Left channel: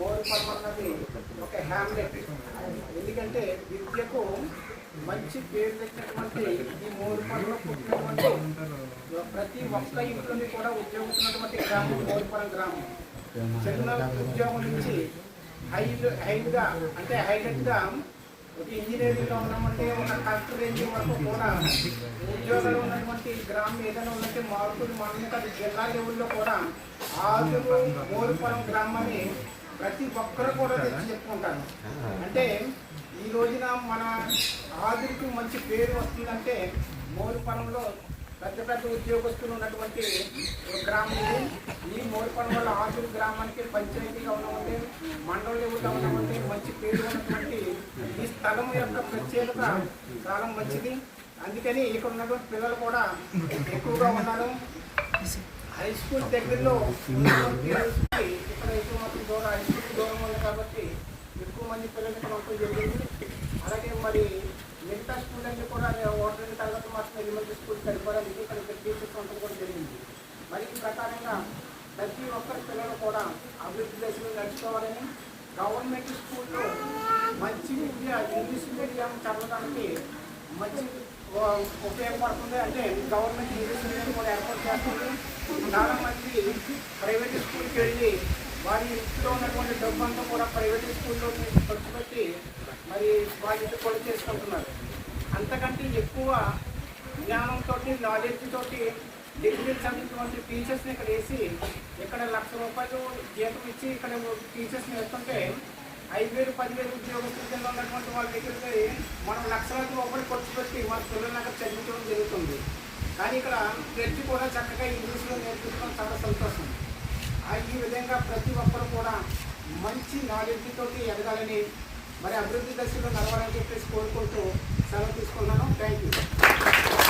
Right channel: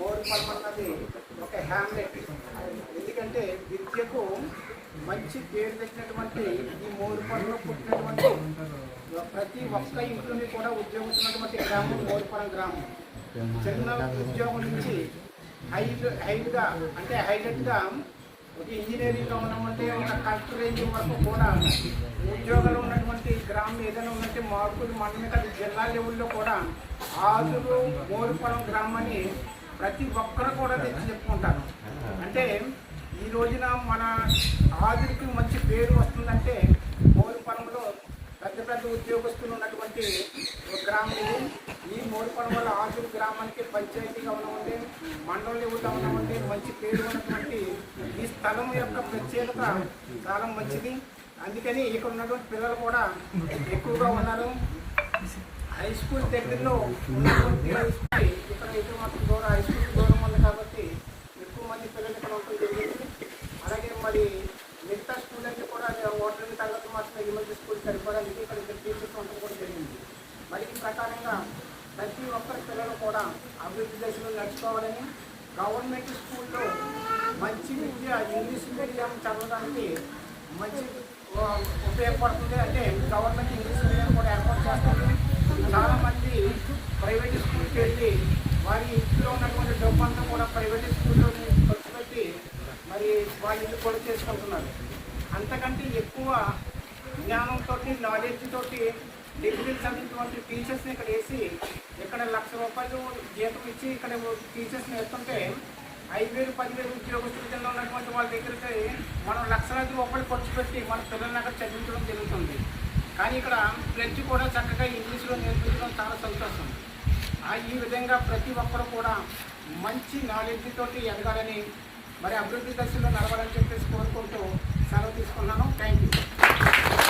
బోర్పల్ అన్నది ఒక హ్యామ్లెట్ ఎందుకంటే విద్యకు మంచి పేరు తెచ్చినటువంటి ఈ మోరుపల్లలో పుట్టినటువంటి ప్రతి ఒక్క ఇంట్లోని కూడా ఉద్యోగించినటువంటి గ్రామం మోరుపల గ్రామం చిన్న ఉద్యోగం నుంచి హైలు హైడ్గా అంటే హైలైట్గా ఒక ఇంజనీరింగ్లో ఉన్నామంటే ఒక కలెక్టర్ రేంజ్ వరకు కూడా ఉద్యోగాలు ఉన్నటువంటి గ్రామం ఏదైనా ఉన్నట్టు మార్పులు మన మీద జిల్లా లెవెల్లో కూడా ఆదురు మోరుపురం గ్రామాన్ని ప్రతి ఒక్కరు కూడా తెచ్చి చెప్పుకుంటాను అంటే ఈ రోజున మన ఆధునిక మంచి పేరు వస్తుందంటే మోరుపురంలో పెద్ద పెద్ద ఉద్యోగస్తులు ఉన్నటువంటి గ్రామం ఈ మోరుపురంలో ఆదురు గ్రామానికి పంచాయతీ మండలం మండల ఉంటే మంచి పేరు ఉన్నటువంటి ఈ స్థలం యొక్క ప్రత్యేకత చాలా మంచిది అందుకని ఇక్కడ ఉన్నటువంటి పిల్లలు కూడా ఎక్కువగా ఉన్నారు హై స్కూల్ దగ్గరలో ఉన్నటువంటి ఇక్కడ అయితే మాత్రం దూరం హై స్కూల్ దూరం ఉంది కాబట్టి ఎక్కువ మంది పిల్లలు ఇక్కడ ఉంటుంది జరిగింది అలాగే మరి మిగతా స్కూల్ అంటే కూడా వాటర్ తగ్గట్టు మాత్రం ఎలిమెంటరీ స్కూల్ సరిపోవడానికి ఇక్కడ ఇక్కడ టీచర్స్ ఉండడం కూడా జరిగింది మరి ఈ ప్రకారంగా ప్రతి ఒక్కరి పిల్లలు కూడా అభివృద్ధి దశలో నడుచుకోవాలని గవర్నమెంట్ స్కూల్లో మంచి విద్యా ఇంగ్లీష్ మీడియం చదవడానికి మంచి ఉపయోగపడుతుంది అంటే గవర్నమెంట్ ఇంగ్లీష్ మీడియం కూడా ఏర్పాటు చేస్తుంది చాలా మంది ప్రైవేట్ స్కూల్కి వెళ్ళి వారి ఇంట్లో ఉన్నటువంటి డబ్బు అంతా కూడా ప్రైవేట్ స్కూల్లో ఖర్చు పెట్టి మరి వాళ్ళ ఇంటి కూడా చేసుకుంటున్నారు అంతకంటే ఎక్కువ జ్ఞానంతో నాలెడ్జ్ తోటి డిగ్రీ చదివినటువంటి టీచర్స్ని ఇక్కడ వేసి ఇక్కడ లక్ష రూపాయలు జీతం ఇచ్చి ఇక్కడ టీచర్స్ నేర్తుంటే ఐదు వేలు పదివేలు ఉద్యోగస్తుల కింద ఉన్నటువంటి వాళ్ళ దగ్గరికి మనం లక్షలాది రూపాయలు ఖర్చు పెట్టి మన పిల్లలకి చదివించడం జరుగుతుంది కానీ ఇక్కడ ఫ్రెంచ్ కూడా చక్కగా ఇంగ్లీష్లో నేర్పించడం చాలా సంతోషం ఈ విధంగా ప్రతి ఒక్కరు కూడా మంచి నాలెడ్జ్తో ఎదగాలని మరి అభివృద్ధి దశలో నడవాలని చెప్పేసి కోరుకుంటూ సెలవు తీసుకున్నాను థ్యాంక్ యూ